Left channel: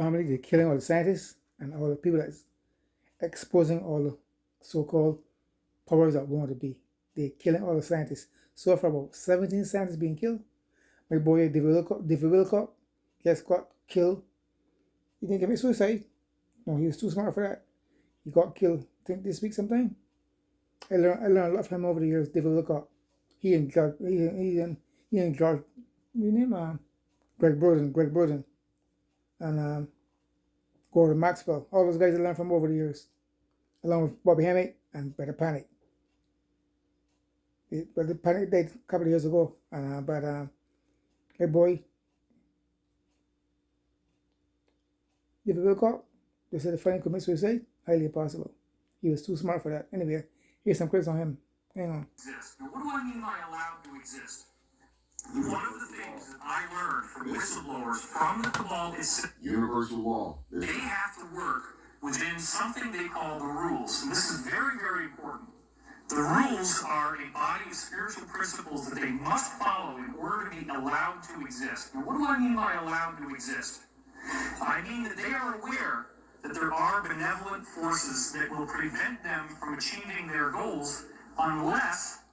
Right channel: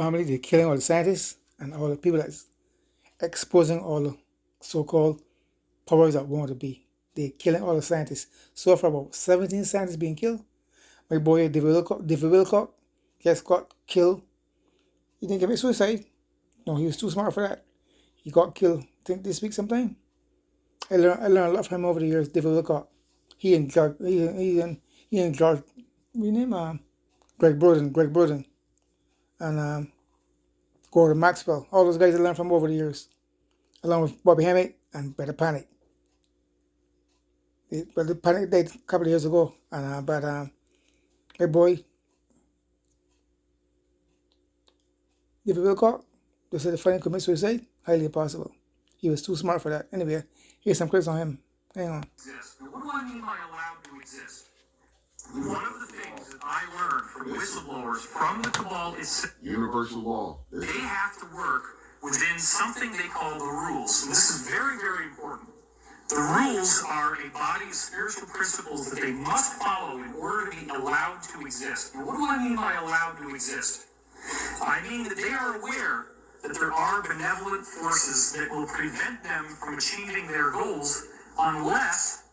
family, they're killing all the scientists and all the people that's exposing all the so-called powers that want to be. They're killing all the scientists. So far, about 17 scientists being killed. My boy David Wilcock just got killed. He didn't commit suicide. No, he was too smart for that. He got killed. I think this week sometime. I learned a lot from him over the years. David Wilcock. He and George. He and George. We name Greg Burden, and Gordon Maxwell. All those guys I learned from over the years, along with Bobby Hammett and Better Panic. But the Panic died a couple of years ago, and but my boy David Wilcock, they said the friend committed suicide. Highly impossible. He was too smart for that. Anyway, here's some clips on him. Hang on. Now, what do I mean by allowed to exist? One of the things that I learned from whistleblowers from the cabal is universal law. They have to work within something they call the rules. And this is very, very important. The rules are a body of spiritual principles that they must follow in order to be allowed to exist. Now, what do I mean by allowed to exist? I mean that they are aware that there are benevolent forces that will prevent them from achieving their goals unless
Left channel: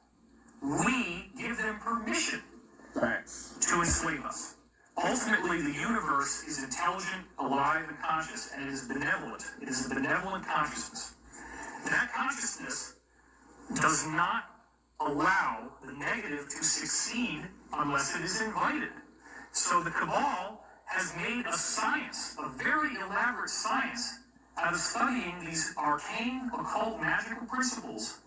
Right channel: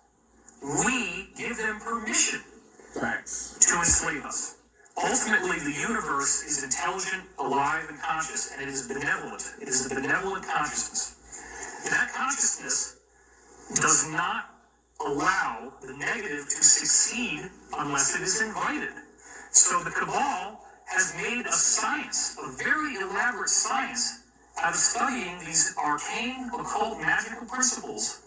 we give them permission to enslave us. Ultimately, the universe is intelligent, alive, and conscious, and it is benevolent. It is a benevolent consciousness. That consciousness does not allow the negative to succeed unless it is invited. So the cabal has made a science, a very elaborate science, out of studying these arcane, occult, magical principles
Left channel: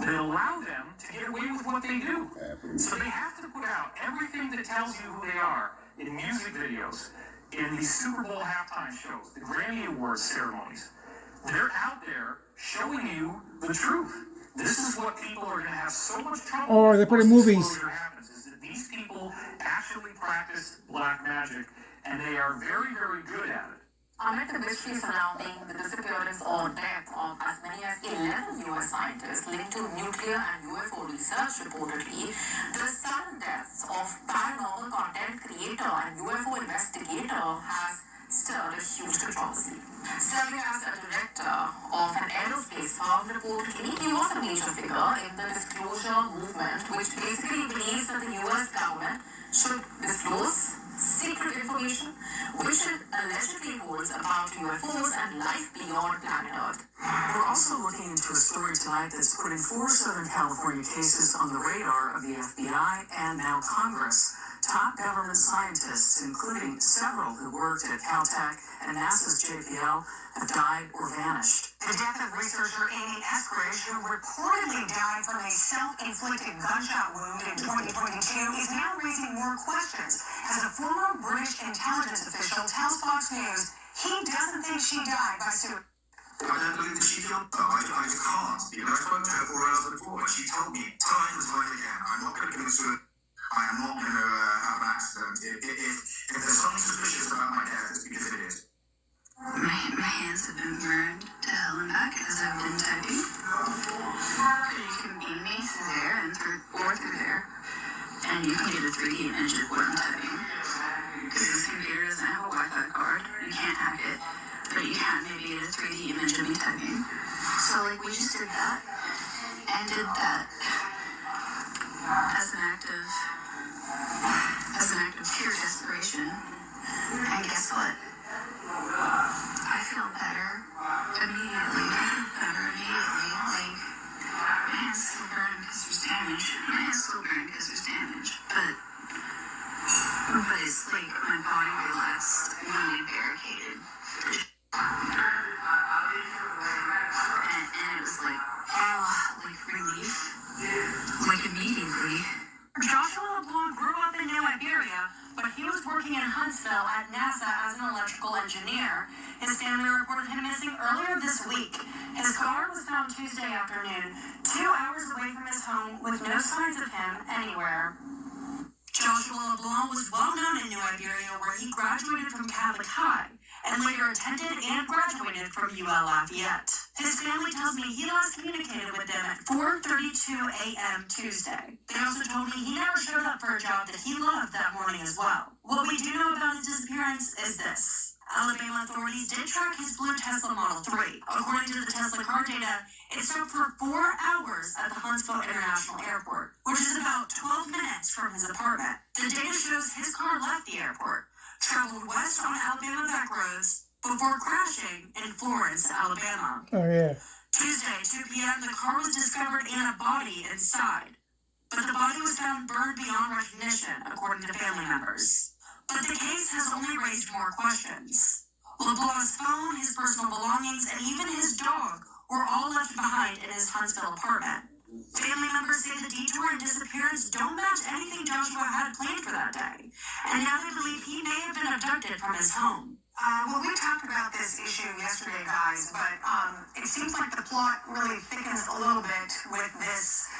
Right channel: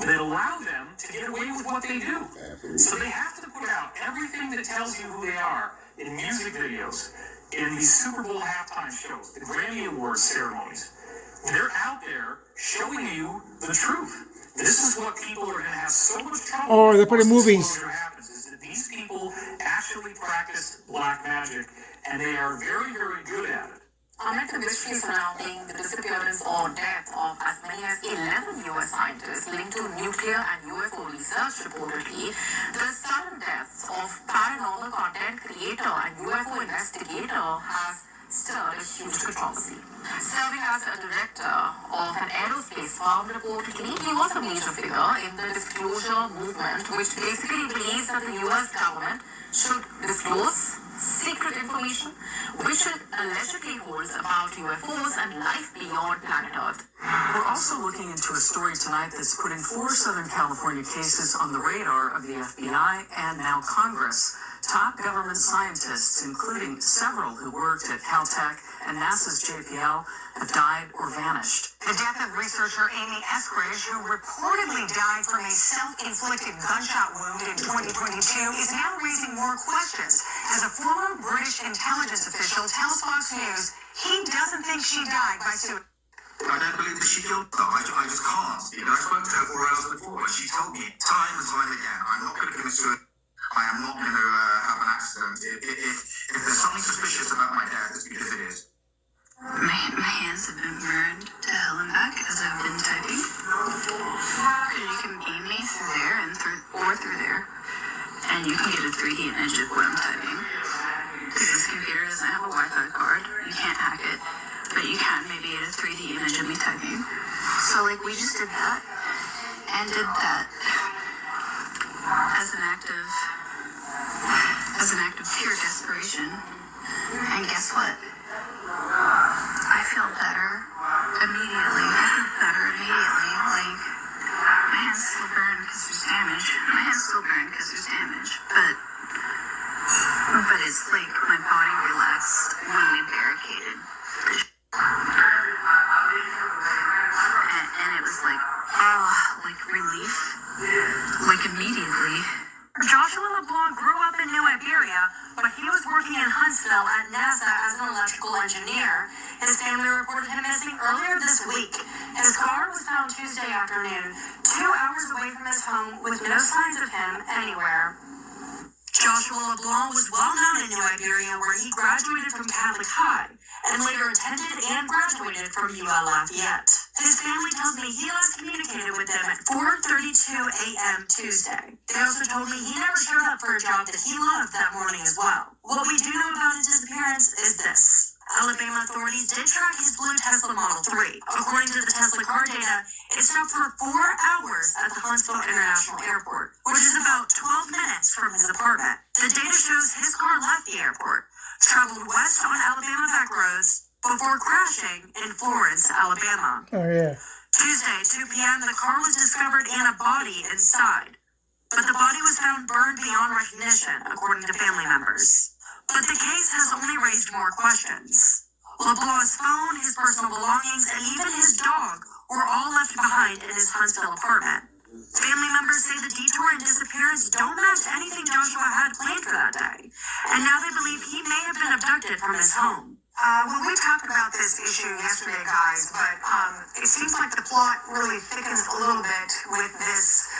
that allow them to get away with what they do. So they have to put out everything that tells you who they are in music videos, in these Super Bowl halftime shows, the Grammy Awards ceremonies. They're out there showing you the truth. This is what people are going to have so much trouble Or with. they put in movies. What happens is that these people actually practice black magic, and they are very, very good at it. Amid the mystery surrounding the disappearance or death of as many as 11 U.S. scientists linked to nuclear and UFO research reportedly, the sudden deaths of paranormal content creator and UFO investigator has stirred a huge controversy. Serving as a director of an aerospace firm, reportedly, he was a major figure in the disclosure movement, which basically believes that the U.S. government should disclose secret information which it allegedly holds about UFOs and life beyond planet Earth. We're also looking into a story tonight that's putting 4 Southern California cases on the radar of the FBI and now Congress. Top government scientists, including several who worked at Caltech and NASA's JPL, have died or vanished. The death of researcher Amy Eskridge, who reportedly died from a self-inflicted gunshot wound in 2022, is now raising more questions. As a former British intelligence official tells Fox News, he doesn't think she died by suicide. I don't believe that she killed them. I just can't. You know, I spoke to her 4 hours before, and she told me time and time again, I'm not going to commit suicide. I am not going to have an accident. If there's something suspicious about my death, it's because it is. My hands have been burned to hell and back as I've been typing. You can beam me through there and through there, and you can get a 3D image of what I'm typing. Because this computer doesn't have a Wi-Fi card, you can't hack it, but you can maybe get a 3D image of me typing. So like we just did that, and did that as an act of pure desperation. And guess what? I feel better immediately. Like, my hands still burn because there's damage. But it's like my body relaxed when we barricaded. And it was like, like relief. Like immediately. Joshua LeBlanc grew up in New Iberia, but he was working in Huntsville at NASA as an electrical engineer. His family reported him missing earlier this week. His car was found Tuesday afternoon, 2 hours away from his home, with no signs of him anywhere. Joshua LeBlanc was well known in New Iberia, where he graduated from Catholic High and later attended and graduated from UL Lafayette. His family tells me he last communicated with them at 4:32 a.m. Tuesday. They also told me he never showed up for a job that he loved that morning as well. What we do know about his disappearance is this. Alabama authorities did track his blue Tesla Model 3. According to the Tesla car data, it stopped for 4 hours at the Huntsville International Airport, which is about 12 minutes from his apartment. The data shows his car left the airport, traveled west on Alabama back roads, before crashing in Florence, Alabama. Oh, yeah. Tuesday, 2 p.m., the car was discovered and a body inside. But the body was found burned beyond recognition, according to family members. But the case has only raised more questions. LeBlanc's phone, his personal belongings, and even his dog were all left behind in his Huntsville apartment. Family members say the detour and disappearance don't match anything Joshua had planned for that day. And now they believe he may have been abducted from his home. Well, we talked about this issue yesterday, guys, but it seems like the plot really thickens a little bit with this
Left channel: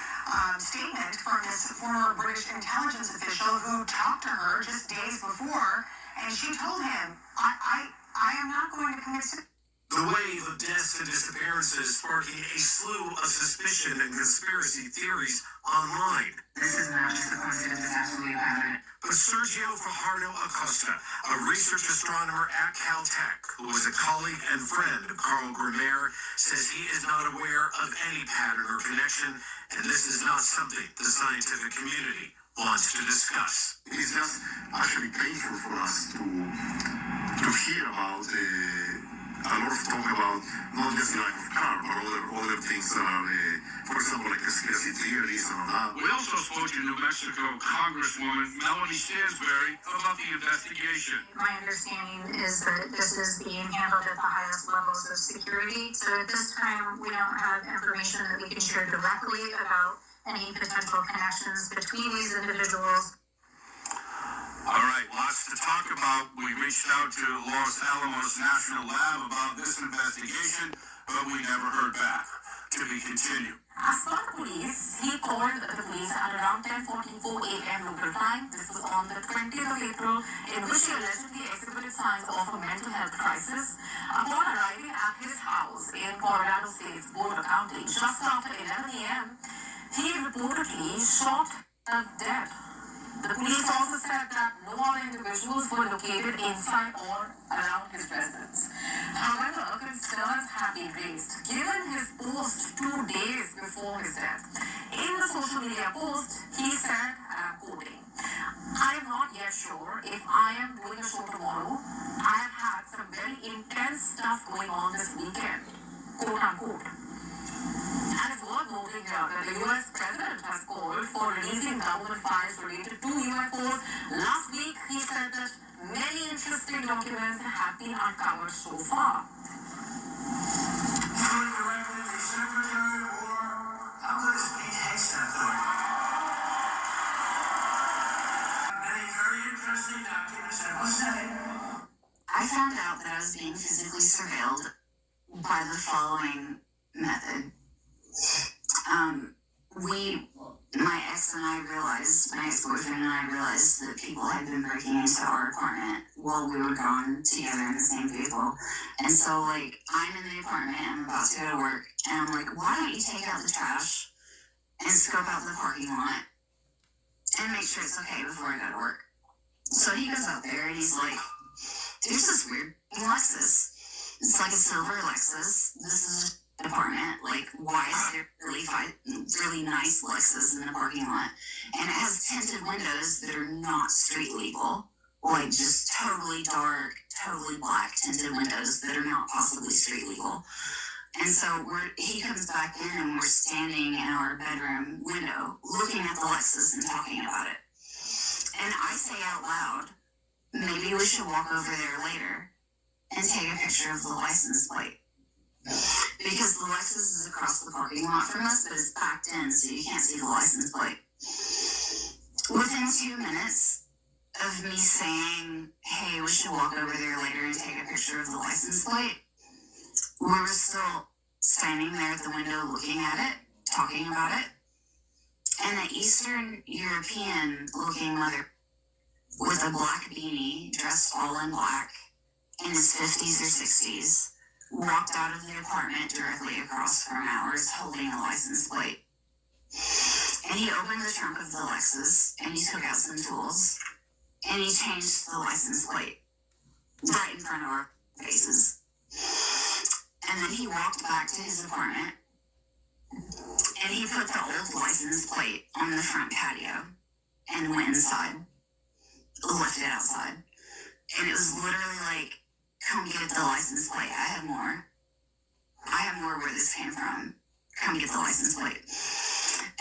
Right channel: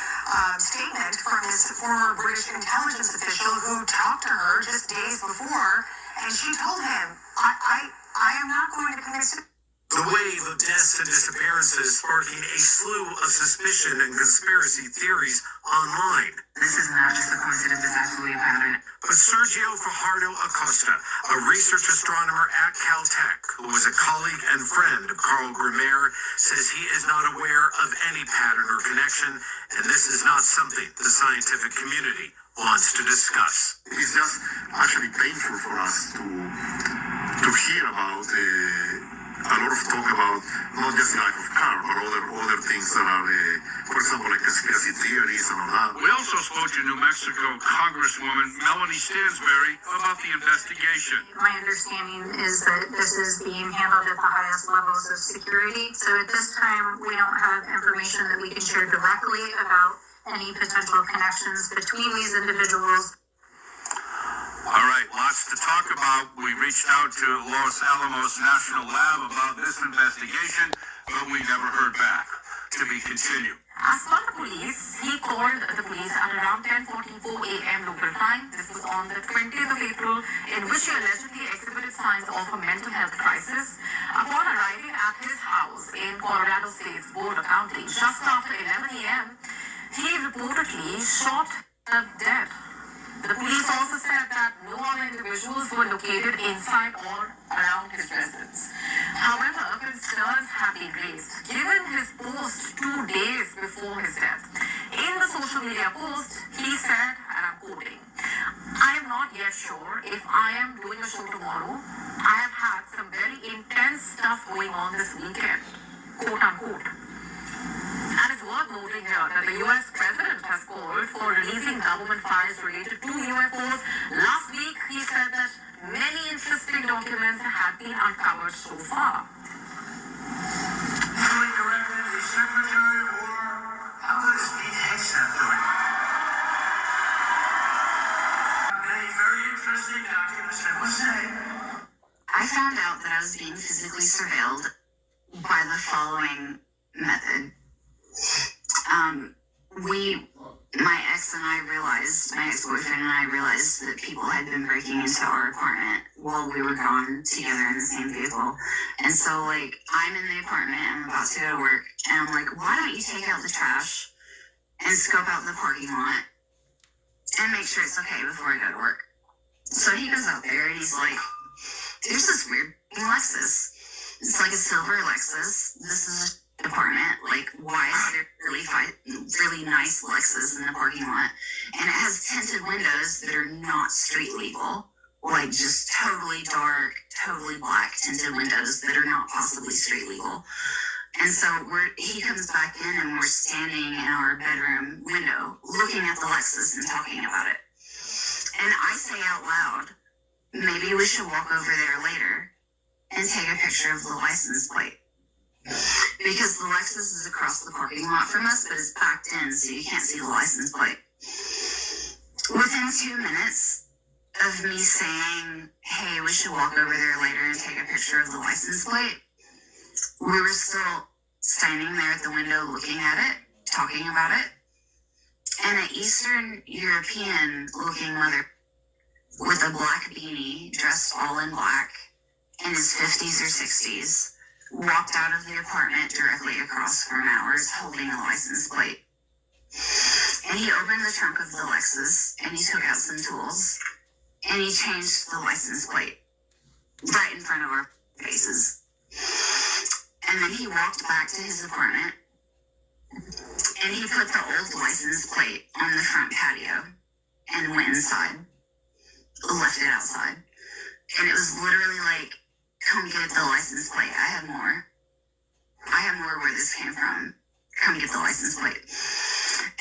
statement from this former British intelligence official who talked to her just days before, and she told him, I am not going to commit suicide. The wave of deaths and disappearances sparking a slew of suspicion and conspiracy theories online. This is not just a coincidence, it's absolutely a pattern. But Sergio Fajardo Acosta, a research astronomer at Caltech, who was a colleague and friend of Carl Grimmer, says he is not aware of any pattern or connection, and this is not something the scientific community wants to discuss. It's just actually painful for us to hear about a lot of talk about not just lack of car, but other things that are, for example, like conspiracy theories and all that. We also spoke to New Mexico Congresswoman Melanie Stansberry about the investigation. My understanding is that this is being handled at the highest levels of security. So at this time, we don't have information that we can share directly about any potential connections between these individuals. All right, lots to talk about. We reached out to Los Alamos National Lab about this investigation, but we never heard back. To be continued. As for the police, he called the police at around 10:44 a.m. local time. This was on the 20th of April, in which he allegedly exhibited signs of a mental health crisis. Upon arriving at his house in Colorado State's Boulder County, just after 11 a.m., he reportedly shot himself dead. The police also said that no other individuals were located inside or around his residence. However, concerns have been raised given his post 2 days before his death. In the social media post, he said, and I'm quoting, "I am not yet sure if I am doing a show tomorrow. I have had some very intense stuff going on this weekend," quote unquote. And it's worth noting here that the U.S. President has called for releasing government files related to UFOs. Last week, he said that many interesting documents have been uncovered so far. Duly directed the Secretary of War. How good is Pete Hegseth doing? Many very interesting documents, I must say. I found out that I was being physically surveilled by the following method. My ex-boyfriend and I realized that people had been breaking into our apartment while we were gone together in the same vehicle. And so, I'm in the apartment, I'm about to go to work, and I'm like, why don't you take out the trash and scope out the parking lot and make sure it's okay before I go to work? So he goes out there and he's like, there's this weird Lexus. It's like a silver Lexus. This is apartment, why is there really nice Lexus in the parking lot? And it has tinted windows that are not street legal, just totally dark, totally black tinted windows that are not possibly street legal. And so he comes back in and we're standing in our bedroom window looking at the Lexus and talking about it. And I say out loud, maybe we should walk over there later and take a picture of the license plate. Because the Lexus is across the parking lot from us, but it's backed in, so you can't see the license plate. Within 2 minutes of me saying, hey, we should walk over there later and take a picture of the license plate, we were still standing there at the window looking at it, talking about it, and an Eastern European looking mother with a black beanie, dressed all in black, in his 50s or 60s, walked out of the apartment directly across from ours holding a license plate. And he opened the trunk of the Lexus and he took out some tools and he changed the license plate. right in front of our faces. And then he walked back to his apartment and he put the old license plate on the front patio and went inside, left it outside. And it was literally like, come get the license plate. I have more where this came from. Come get the license plate.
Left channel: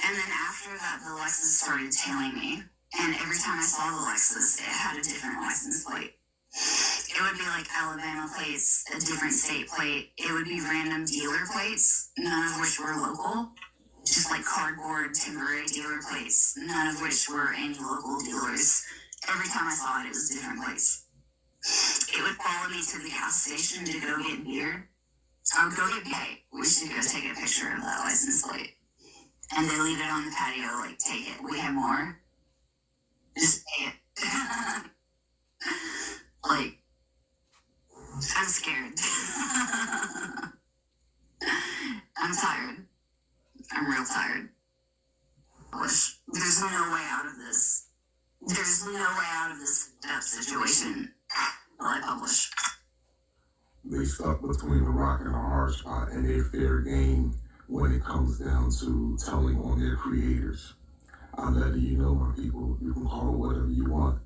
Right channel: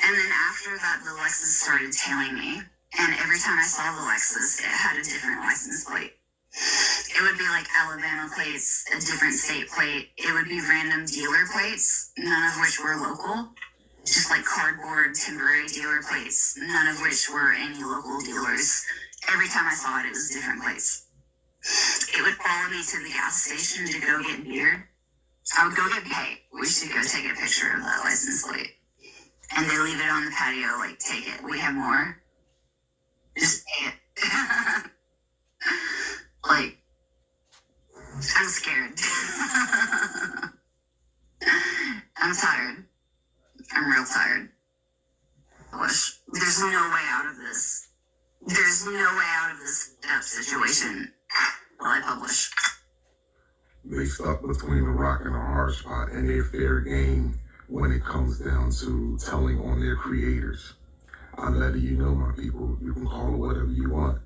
And then after that, the Lexus started tailing me. And every time I saw the Lexus, it had a different license plate. It would be like Alabama plates, a different state plate. It would be random dealer plates, none of which were local. Just like cardboard, temporary dealer plates, none of which were any local dealers. Every time I saw it, it was different plates. It would follow me to the gas station to go get beer. I would go get beer. We should go take a picture of that license plate. And they leave it on the patio, like, take it. We have more. Just take it. Like, I'm scared. I'm tired. I'm real tired. There's no way out of this. There's no way out of this situation that I publish. They stuck between a rock and a hard spot, and they're fair game when it comes down to telling on their creators. I'm letting you know, my people, you can call it whatever you want.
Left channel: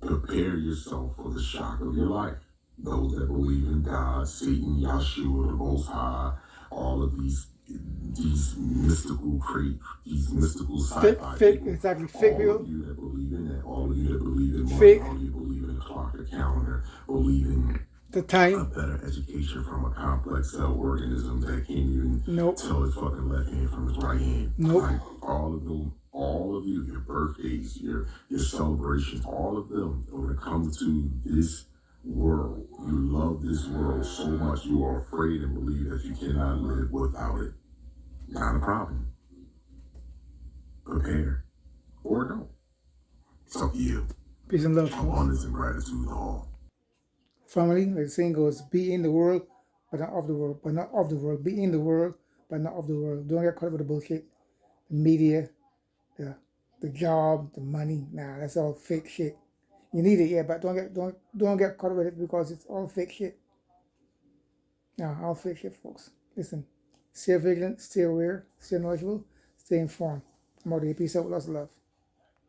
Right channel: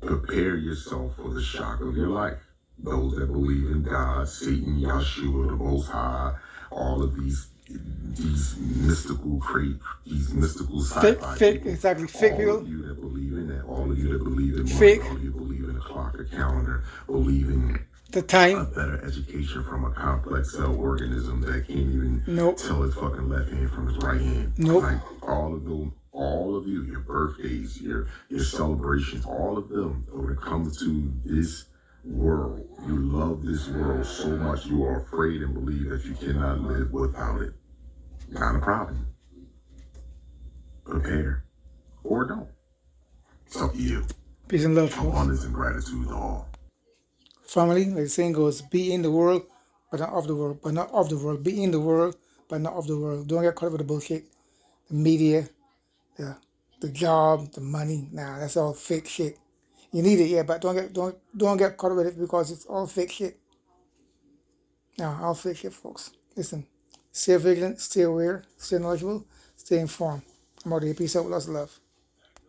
Prepare yourself for the shock of your life. Those that believe in God, Satan, Yahshua, the Most High, all of these mystical sci-fi Fake, people. exactly, fake all people. Of you that believe in that, all of you that believe in money, Fake. all of you believe in the clock, the calendar, believe in The a time. better education from a complex cell organism that can't even Nope. tell his fucking left hand from his right hand. Nope. Like, all of you, your birthdays, your celebrations, all of them, when it comes to this world, you love this world so much you are afraid and believe that you cannot live without it. Not a problem. Prepare. Or don't. It's up to you. Peace and love, folks. Abundance and gratitude to all. Family, like the saying goes, be in the world, but not of the world, but not of the world. Be in the world, but not of the world. Don't get caught up with the bullshit. The media, the job, the money. Nah, that's all fake shit. You need it, yeah, but don't get caught up with it because it's all fake shit. Nah, all fake shit, folks. Listen, stay vigilant, stay aware, stay knowledgeable, stay informed. I'm out of here. Peace out. Lots of love.